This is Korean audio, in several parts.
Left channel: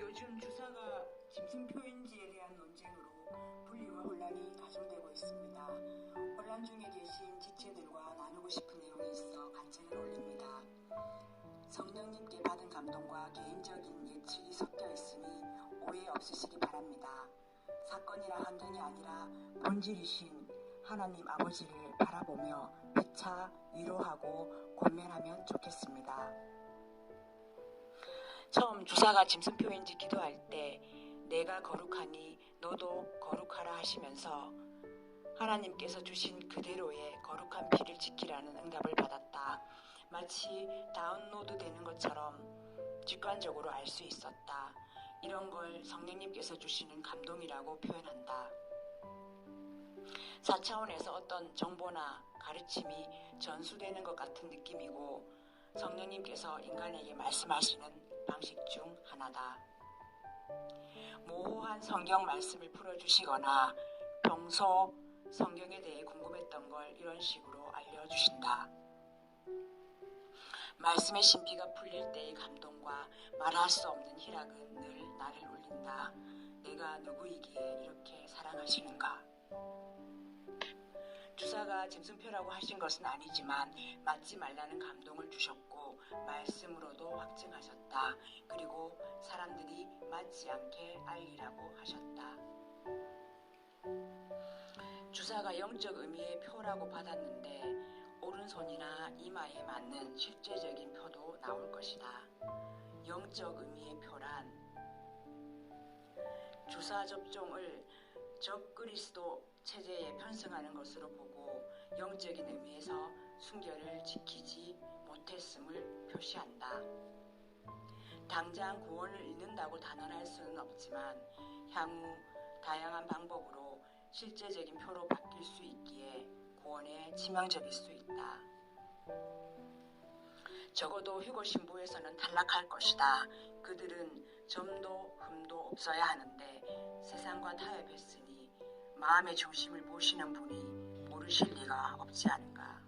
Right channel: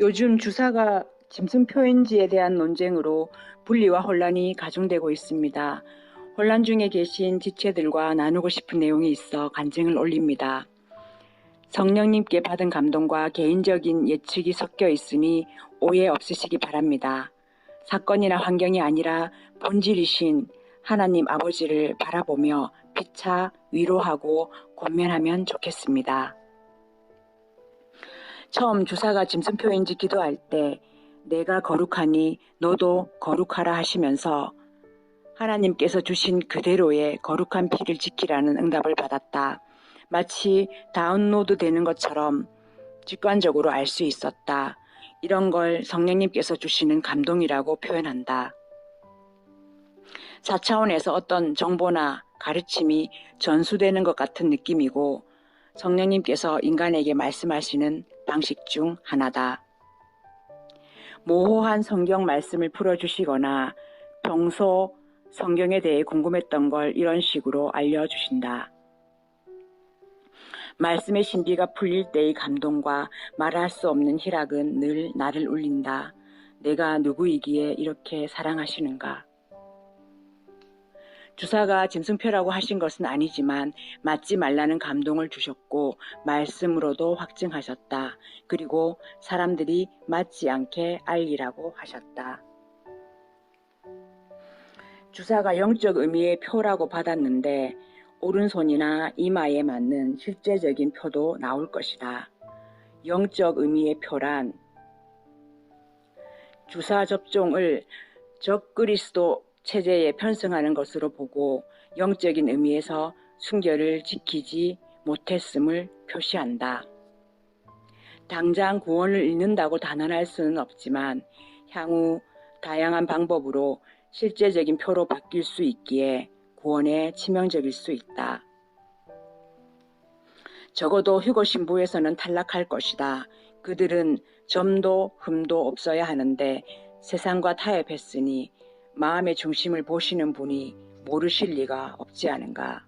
요즘 주사가 짐승 표현지에 대한 논쟁으로 분리와 혼란이 가중되고 있습니다. 혼란 중에 계신 지체들과 나누고 싶은 내용이 있어 간증을 올립니다. 성령님께 받은 감동과 개인적인 예측이 섞여 있으니 오해 없으시기 바랍니다. 사건이나 환경이 아니라 본질이신 하나님 아버지를 바라보며 피차 위로하고 권면하면 좋겠습니다. 처음 주사가 짐승표인지 기도할 때 내가 거룩하니 너도 거룩하라 하시면서 하나님께서 주신 그대로의 거룩한 피를 지키라는 응답을 받았다. 마치 다운로드 되는 것처럼 직관적으로 알 수 있었다. 이런 걸 성령님께서 주시는 감동이라고 표현한다. 4차원에서 어떤 정보나 가르침이 전수되는 것 같은 느낌이고 성령님께서 인간에게 말씀하시는 방식 중 하나다. 모호한 성경 말씀을 풀어주시거나 평소 성경에 대해 궁금했던 걸 이런 식으로 알려주신다. 말씀의 신비가 풀릴 때의 감동과 말할 수 없는 희락은 늘 나를 울린다. 내가 누구이기에 이렇게 사랑하시는가? 주사가 짐승표라고 하신 것은 아니지만 맞지 말라는 감동을 주셨고 말씀으로도 확증하셨다. 그리고 사람들이 맞지 않게 알리라고 하셨다. 주사가 영적 의미의 표라고 받았는데 오른손이나 이마에 맞는 실제적인 표도 나올 것이다. 영적 의미의 표란 주사 접종을 적그리스도 체제에 편승하는 것으로 보고 영적인 의미에서 순결을 지키지 못했음을 표시한다. 당장 구원을 잃는다고 단언할 수는 없지만 향후 다양한 방법으로 실제적인 표로 바뀔 수 있기에 구원에 치명적일 수 있다. 적어도 휴거 신부에서는 탈락할 것이다. 그들은 점도 흠도 없어야 하는데 세상과 타협했으니 마음의 중심을 보시는 분이 모르실 리가 없지 않은가.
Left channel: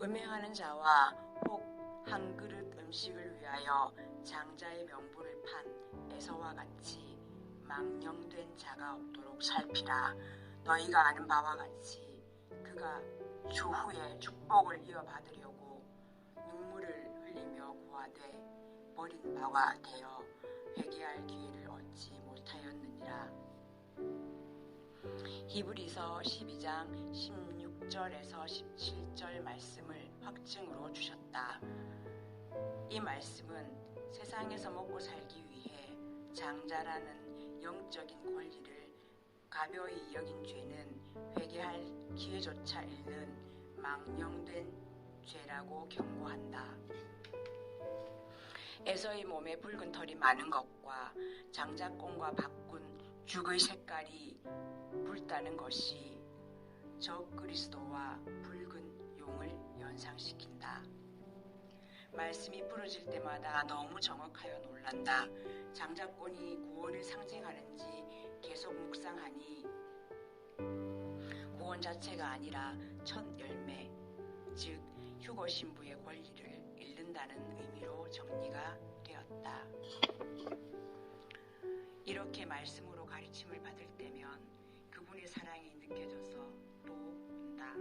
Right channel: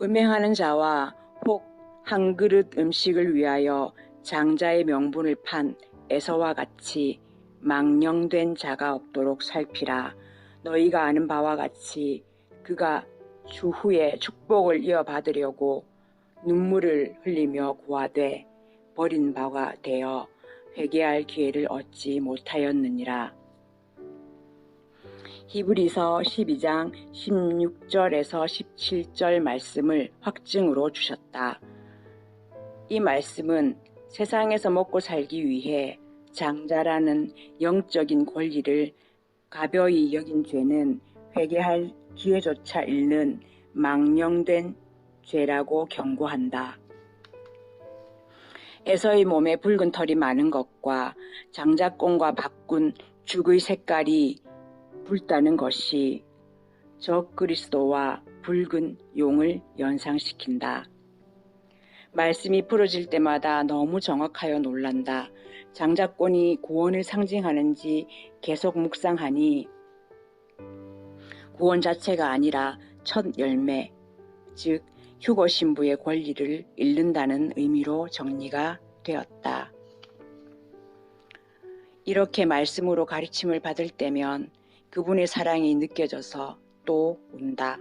음행하는 자와 혹 한 그릇 음식을 위하여 장자의 명분을 판 에서와 같이 망령된 자가 없도록 살피라. 너희가 아는 바와 같이 그가 추후에 축복을 이어받으려고 눈물을 흘리며 고하되 버린 바가 되어 회개할 기회를 얻지 못하였느니라. 히브리서 12장 16절에서 17절 말씀을 확증으로 주셨다. 이 말씀은 세상에서 먹고 살기 위해 장자라는 영적인 권리를 가벼이 여긴 죄는 회개할 기회조차 잃는 망령된 죄라고 경고한다. 에서의 몸에 붉은 털이 많은 것과 장자권과 바꾼 죽의 색깔이 붉다는 것이 적그리스도와 붉은 용을 연상시킨다. 말씀이 풀어질 때마다 너무 정확하여 놀란다. 장자권이 구원을 상징하는지 계속 묵상하니 구원 자체가 아니라 첫 열매, 즉 휴거 신부의 권리를 잃는다는 의미로 정리가 되었다. 이렇게 말씀으로 가르침을 받을 때면 그분의 사랑이 느껴져서 또 운다.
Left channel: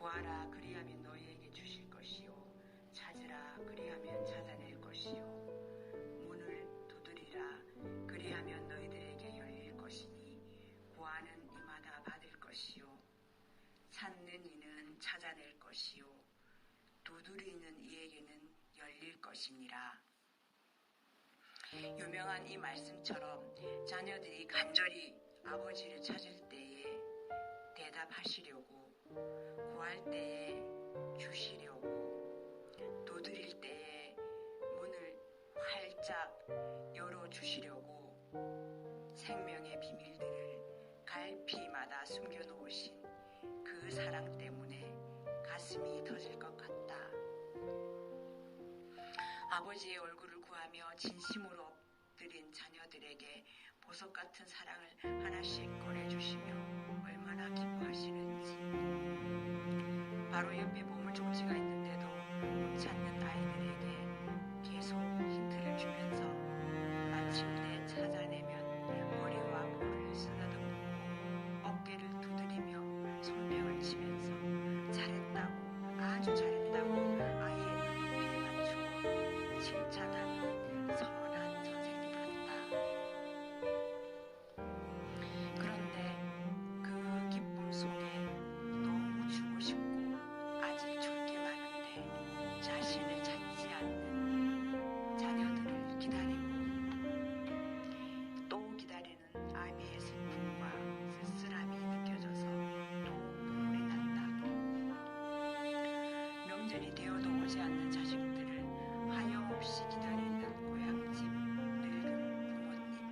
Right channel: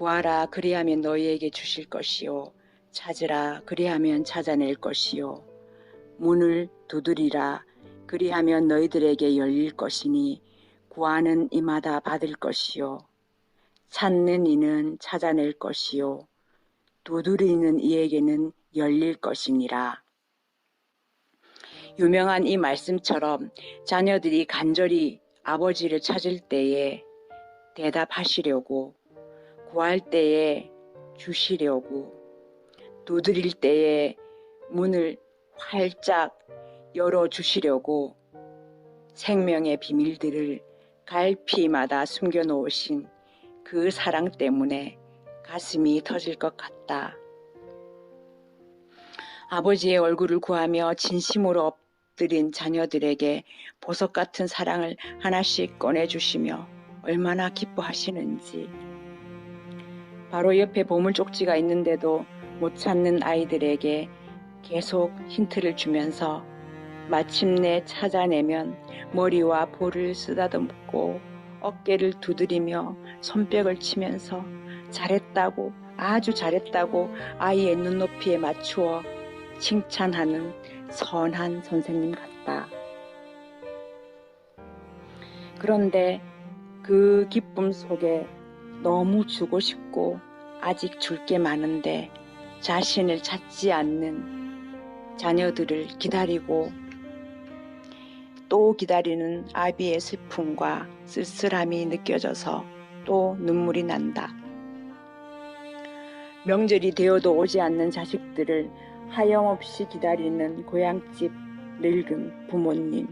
구하라 그리하면 너희에게 주실 것이요 찾으라 그리하면 찾아낼 것이요 문을 두드리라 그리하면 너희들에게 열릴 것이니 구하는 이마다 받을 것이요 찾는 이는 찾아낼 것이요 두드리는 이에게는 열릴 것이니라. 유명한 이 말씀처럼 자녀들이 간절히 아버지를 찾을 때에 대답하시려고 구할 때에 주시려고 두드릴 때에 문을 활짝 열어주시려고 생명의 비밀들을 갈피마다 숨겨놓으신 그 사랑 때문에 가슴이 터질 것 같다. 아버지의 얼굴을 구하며 진심으로 엎드린 자녀들에게 보석 같은 사랑을 하나씩 꺼내주시며 얼마나 기뻐하시는지. 바로 옆에 보물 쪽지가 있는데도 못 찾는 아이들에게 계속 힌트를 주면서 마침내 찾아내면 머리와 볼을 쓰다듬고 어깨를 두드리며 손뼉을 치면서 잘했다고, 아주 잘했다고 아이의 눈높이에 맞추어 칭찬하는 선한 선생님 같다. 그런데 그 기쁨 속에 너무 주고 싶고 아직 줄 게 많은데 자신을 찾지 않는 자녀들을 기다리고 또 기다리는 아비의 슬픔과 쓸쓸함이 느껴져서 또 눈물이 난다. 명절이 되어도 오지 않는 자식들을 하염없이 기다리는 고향집 늙은 부모님.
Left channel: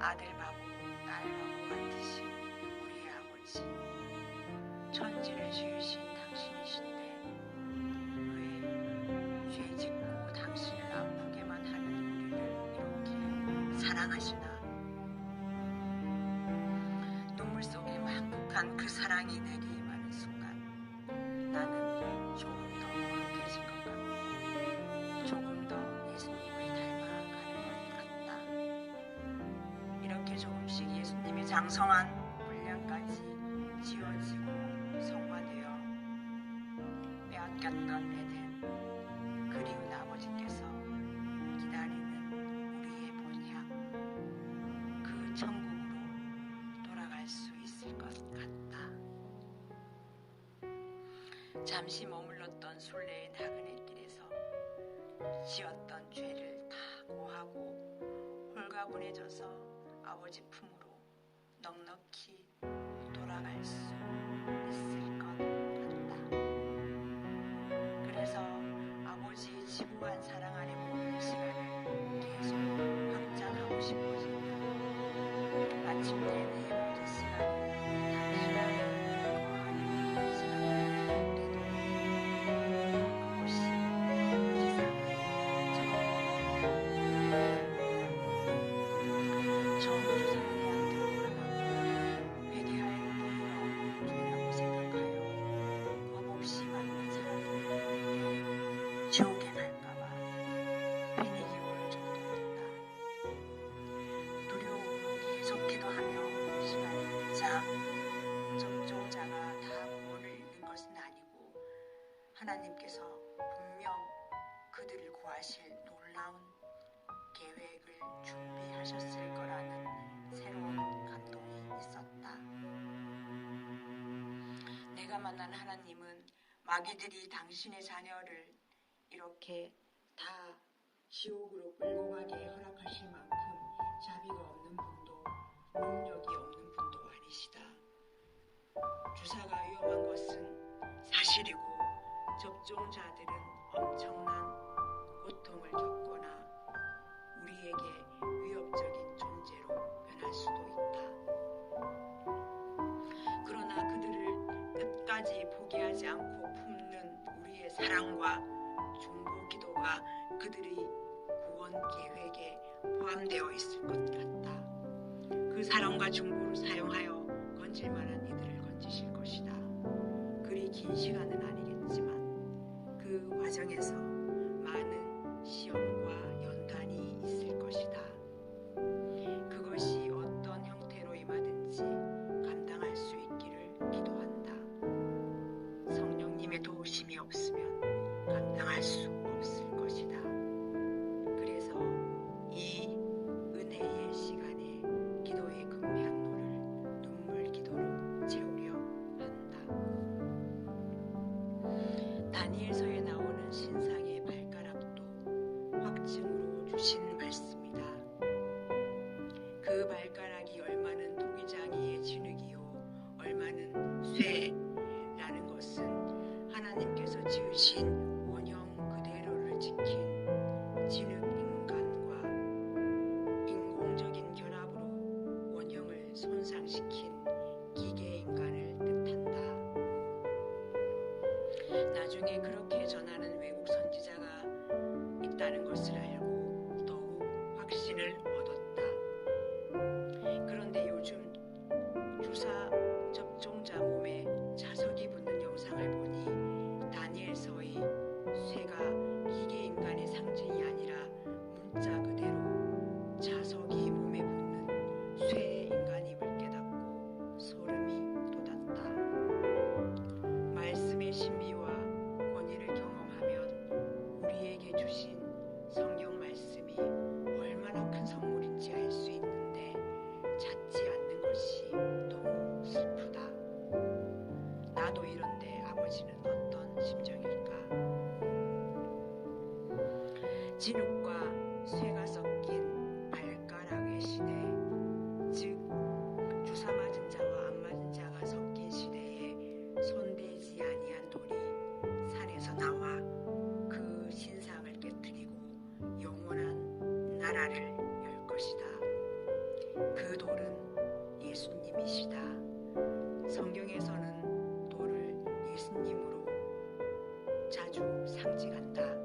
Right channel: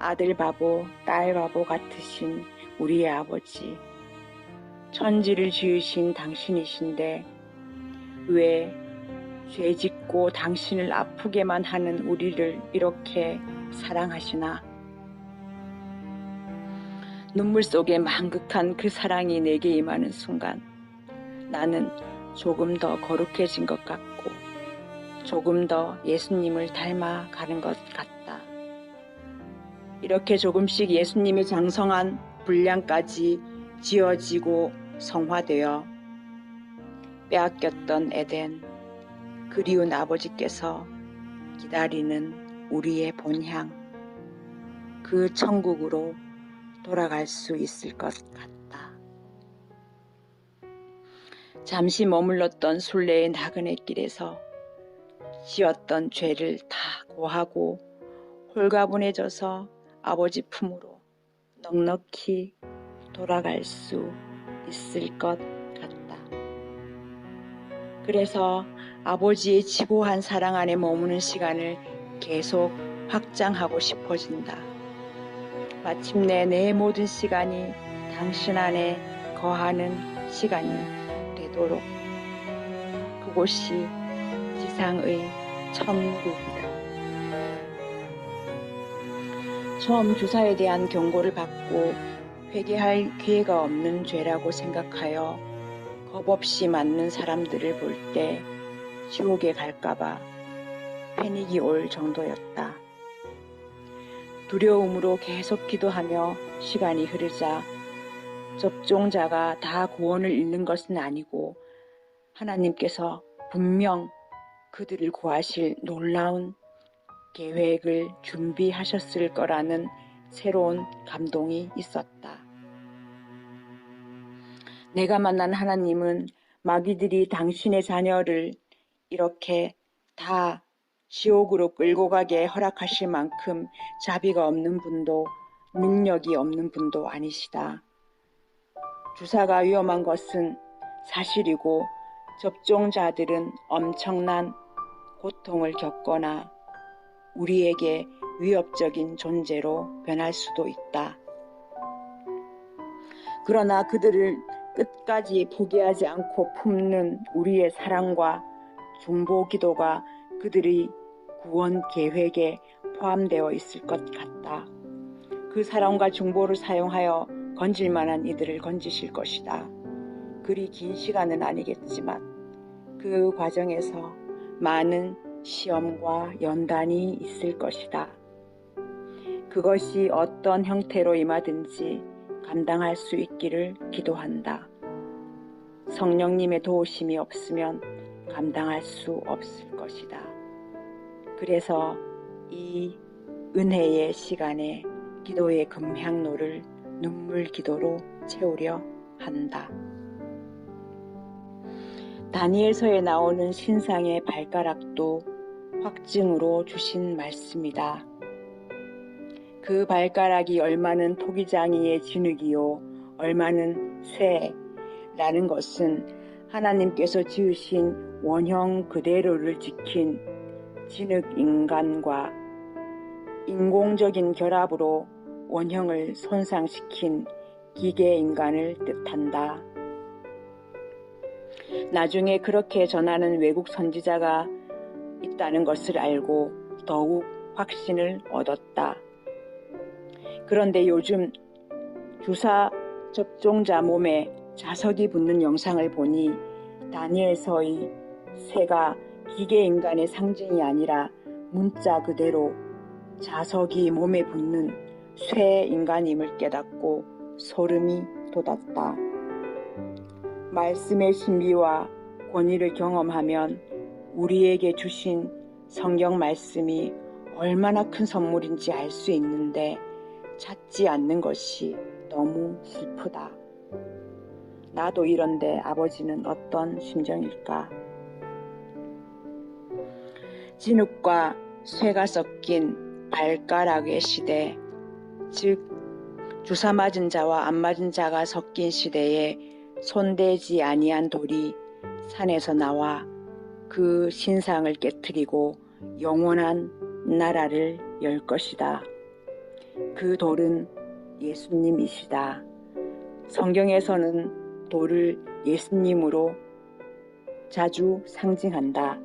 아들 바보, 딸 바보 같으신 우리의 아버지. 천지를 지으신 당신이신데 왜 죄 짓고 당신을 아프게만 하는 우리를 이렇게 사랑하시나? 눈물 속에 만극한 그 사랑이 내게 임하는 순간 나는 조금 더 거룩해진 것 같고 조금 더 예수님을 닮아가는 것 같다. 이렇게 조금씩 예수님의 장성한 분량까지 지어지고 성화되어 빼앗겼던 에덴, 그리운 아버지께서 기다리는 우리의 본향, 그 천국으로 돌아갈 수 있을 것 같다. 잠시 머물렀던 순례의 나그네 길에서 지었던 죄를 다 고하고 홀가분해져서 아버지 품으로 넉넉히 돌아갈 수 있을 것 같다. 그래서 아버지의 지고한 사랑 안에 머무는 시간을 계속 확장하고 싶어진다. 마침내 내 모든 시간이 당신 안에 거하는 시간이 되도록. 그곳이 지상의 천국이다. 처음 주사에 대한 경고를 받고 회개할 기회가 없는 죄라고 생각하여 법 없이 맞는 사람들을 볼 때 지옥에 갈까봐 패닉이 올 정도였다. 두려움으로 계속 기도하며 시간이 흐르자 접종자가 다 구원을 잃는 것은 아니고 하나님께서 분명 그들을 구하실 놀라운 계획을 준비하셨을 거라는 새로운 감동이 있었다. 내가 만난 하나님은 마귀들이 당신의 자녀를 이렇게 다 지옥으로 끌고 가게 허락하실 만큼 자비가 없는 분도 능력이 없는 분도 아니시다. 주사가 위험한 것은 사실이고 접종자들은 엄청난 고통을 겪거나 우리에게 위협적인 존재로 변할 수도 있다. 그러나 그들을 끝까지 포기하지 않고 품는 우리의 사랑과 중보 기도가 그들의 구원 계획에 포함되어 있을 것 같다. 그 사랑과 중보를 사용하여 건질 만한 이들을 건지실 것이다. 그리 긴 시간은 아니겠지만 그 과정에서 많은 시험과 연단이 있을 것이다. 그것이 어떤 형태로 임하든지 감당할 수 있기를 기도한다. 성령님의 도우심이 없으면 감당할 수 없을 것이다. 그래서 이 은혜의 시간에 기도의 금향로를 눈물 기도로 채우려 한다. 다니엘서에 나오는 신상의 발가락도 확증으로 주신 말씀이다. 그 발가락이 얼마는 토기장이의 진흙이요 얼마는 쇠라는 것은 하나님께서 지으신 원형 그대로를 지킨 진흙 인간과 인공적인 결합으로 원형을 손상시킨 기계 인간을 뜻한다. 나중에 그렇게 전하는 외국 선지자가 있다는 것을 알고 더욱 확신을 얻었다. 그런데 요즘 주사 접종자 몸에 자석이 붙는 영상을 보니 다니엘서의 쇠가 기계 인간의 상징이 아니라 문자 그대로 자석이 몸에 붙는 쇠 인간임을 깨닫고 소름이 돋았다. 말씀의 신비와 권위를 경험하면 우리에게 주신 성경 말씀이 얼마나 큰 선물인지 알 수 있는데 찾지 않는 것이 너무 슬프다. 나도 이런데 아버지는 어떤 심정일까? 진흙과 쇠가 섞인 발가락의 시대, 즉 주사 맞은 자와 안 맞은 자가 섞인 시대에 손대지 아니한 돌이 산에서 나와 그 신상을 깨트리고 영원한 나라를 열 것이다. 그 돌은 예수님이시다. 성경에서는 돌을 예수님으로 자주 상징한다.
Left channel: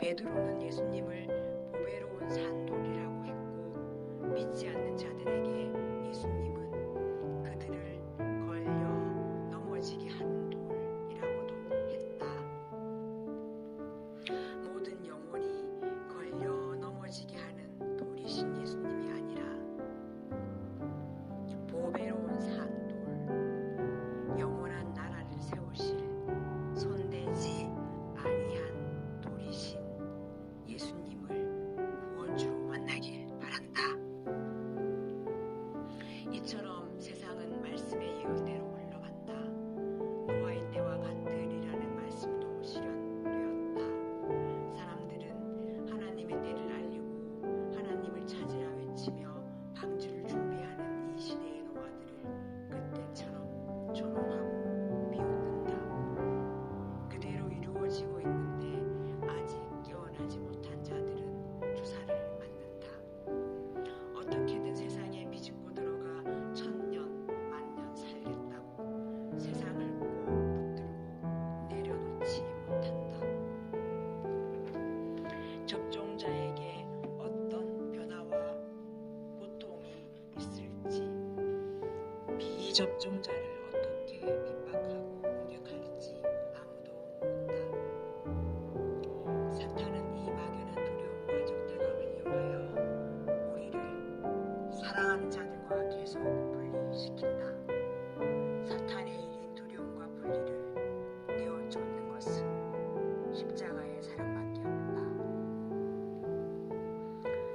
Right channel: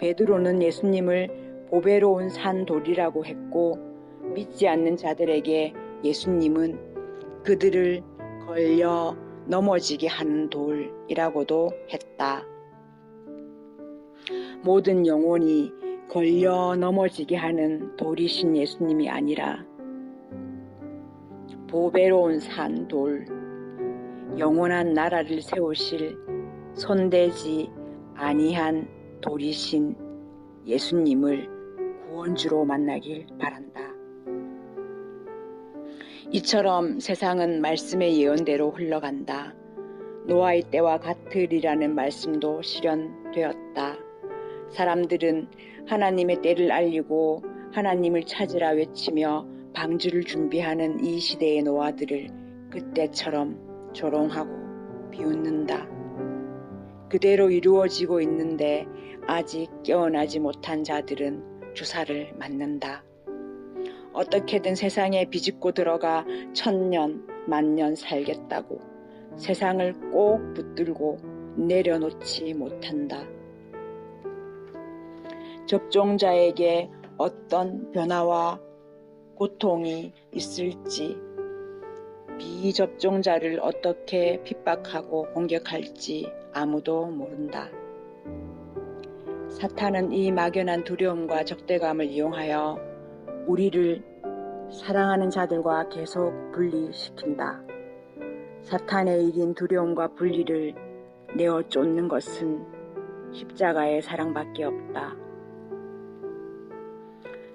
베드로는 예수님을 보배로운 산돌이라고 했고 믿지 않는 자들에게 예수님은 그들을 걸려 넘어지게 하는 돌이라고도 했다. 모든 영혼이 걸려 넘어지게 하는 돌이신 예수님이 아니라 보배로운 산돌, 영원한 나라를 세우실 손대지 아니한 돌이신 예수님을 구원주로 만나길 바란다. 이처럼 세상은 말씀의 예언대로 흘러간다. 노아의 때와 같으리라는 말씀도 실현되었다. 사람들은 하나님의 때를 알리고 하나님을 찾으라 외치며 방주를 준비하는 이 시대의 노아들을 그때처럼 조롱하고 비웃는다. 그대로 이루어지고 있는데 아직 깨어나지 못한 자들은 주사를 맞는다. 어떻게든 세상에 비집고 들어가 1000년, 10,000년 살겠다고 세상을 꼭 붙들고 내려놓지 못한다. 접종자에게 어떤 변화와 고통이 있을지, 비접종자를 어떻게 핍박하고 공격할지 아무도 모른다. 사탄은 이 막연한 두려움과 적대감을 이용하여 우리를 사랑하는 자들과 계속 분리시킨다. 사탄의 일인 두려움과 분리를 내어 쫓는 것은 십자가의 사랑밖에 없다.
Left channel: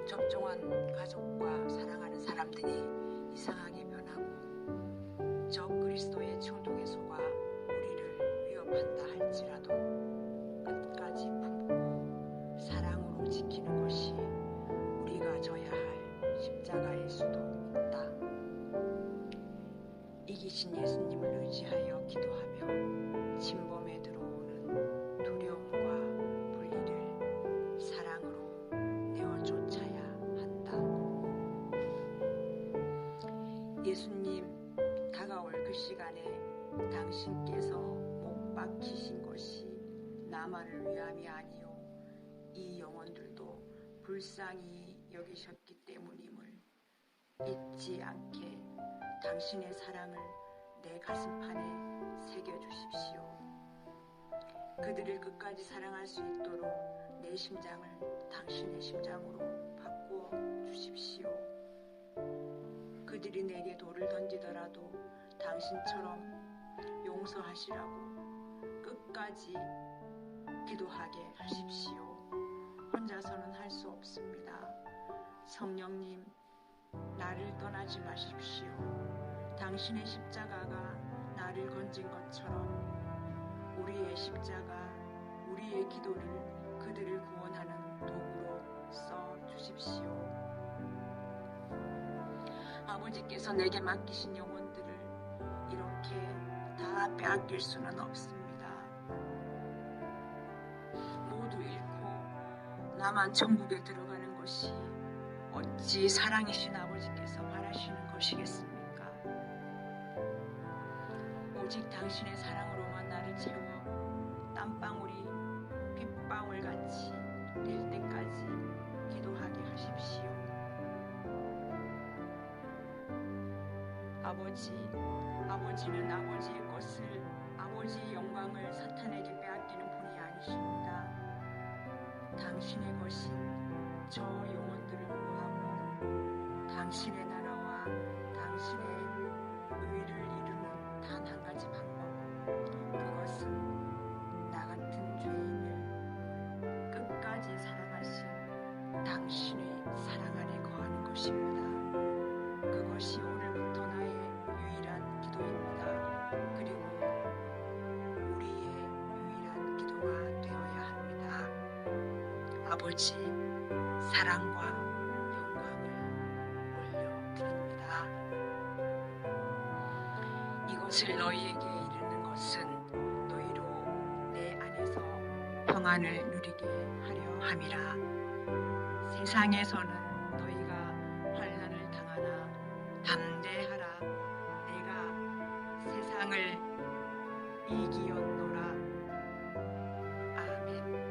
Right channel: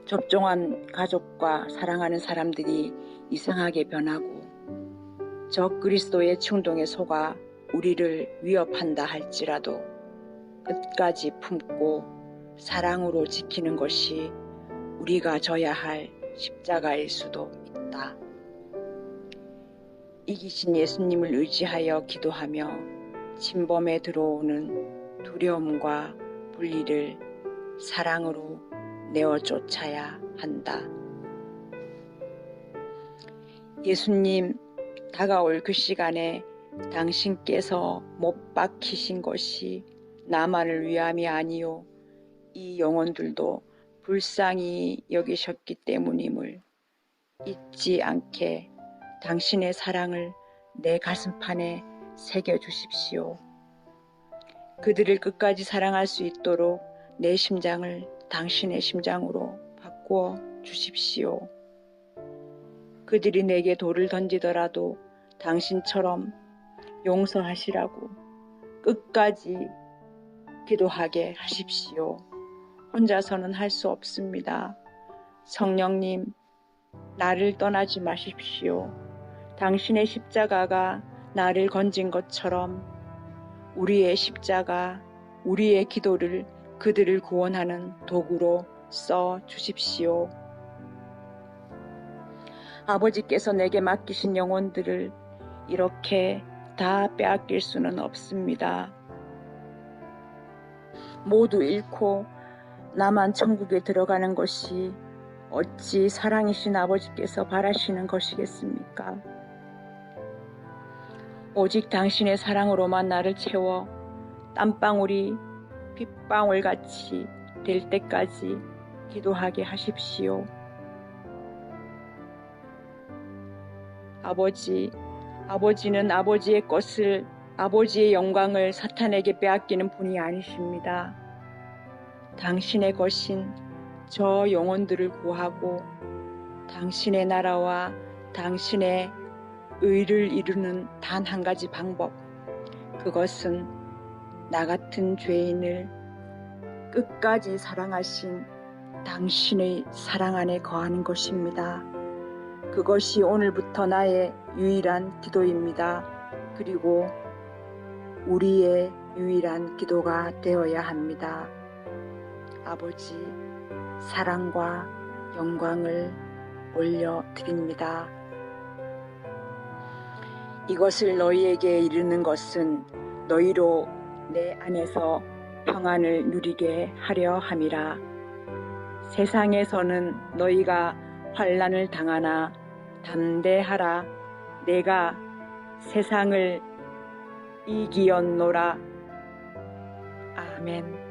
접종한 가족과 사랑하는 사람들이 이상하게 변하고 적 그리스도의 충동에 속아 우리를 위협한다 할지라도 끝까지 품고 사랑으로 지키는 것이 우리가 져야 할 십자가일 수도 있다. 이기신 예수님을 의지하여 기도하며 침범에 들어오는 두려움과 분리를 사랑으로 내어 쫓아야 한다. 예수님, 다가올 그 시간에 당신께서 못 박히신 것이 나만을 위함이 아니요 이 영혼들도 불쌍히 여기셨기 때문임을 잊지 않게 당신의 사랑을 내 가슴판에 새겨주십시오. 그들을 끝까지 사랑할 수 있도록 내 심장을 당신의 심장으로 바꾸어 주십시오. 그들이 내게 돌을 던지더라도 당신처럼 용서하시라고 끝까지 기도하게 하십시오. 혼자서는 할 수 없습니다. 성령님, 나를 떠나지 마십시오. 당신의 십자가가 나를 건진 것처럼 우리의 십자가, 우리의 기도를 그들을 구원하는 도구로 써 주십시오. 아버지께서 내게 맡기신 영혼들을 이렇게 다 빼앗길 수는 없습니다. 모두 잃고 나만 천국에 들어가는 것이 어찌 사랑이신 아버지께서 바라시는 것이겠습니까? 오직 당신의 사랑으로만 나를 채워 땀방울이 빗방울같이 될 때까지 기도하게 하십시오. 아버지는 아버지의 것을 아버지의 영광을 사탄에게 빼앗기는 분이 아니십니다. 당신의 것인 저 영혼들을 구하고 당신의 나라와 당신의 의를 이루는 단 한 가지 방법, 그것은 나 같은 죄인을 끝까지 사랑하신 당신의 사랑 안에 거하는 것입니다. 그것이 오늘부터 나의 유일한 기도입니다. 그리고 우리의 유일한 기도가 되어야 합니다. 아버지, 사랑과 영광을 올려드립니다. 이것을 너희에게 이르는 것은 너희로 내 안에서 평안을 누리게 하려 함이라. 세상에서는 너희가 환난을 당하나 담대하라. 내가 세상을 이기었노라. 아멘.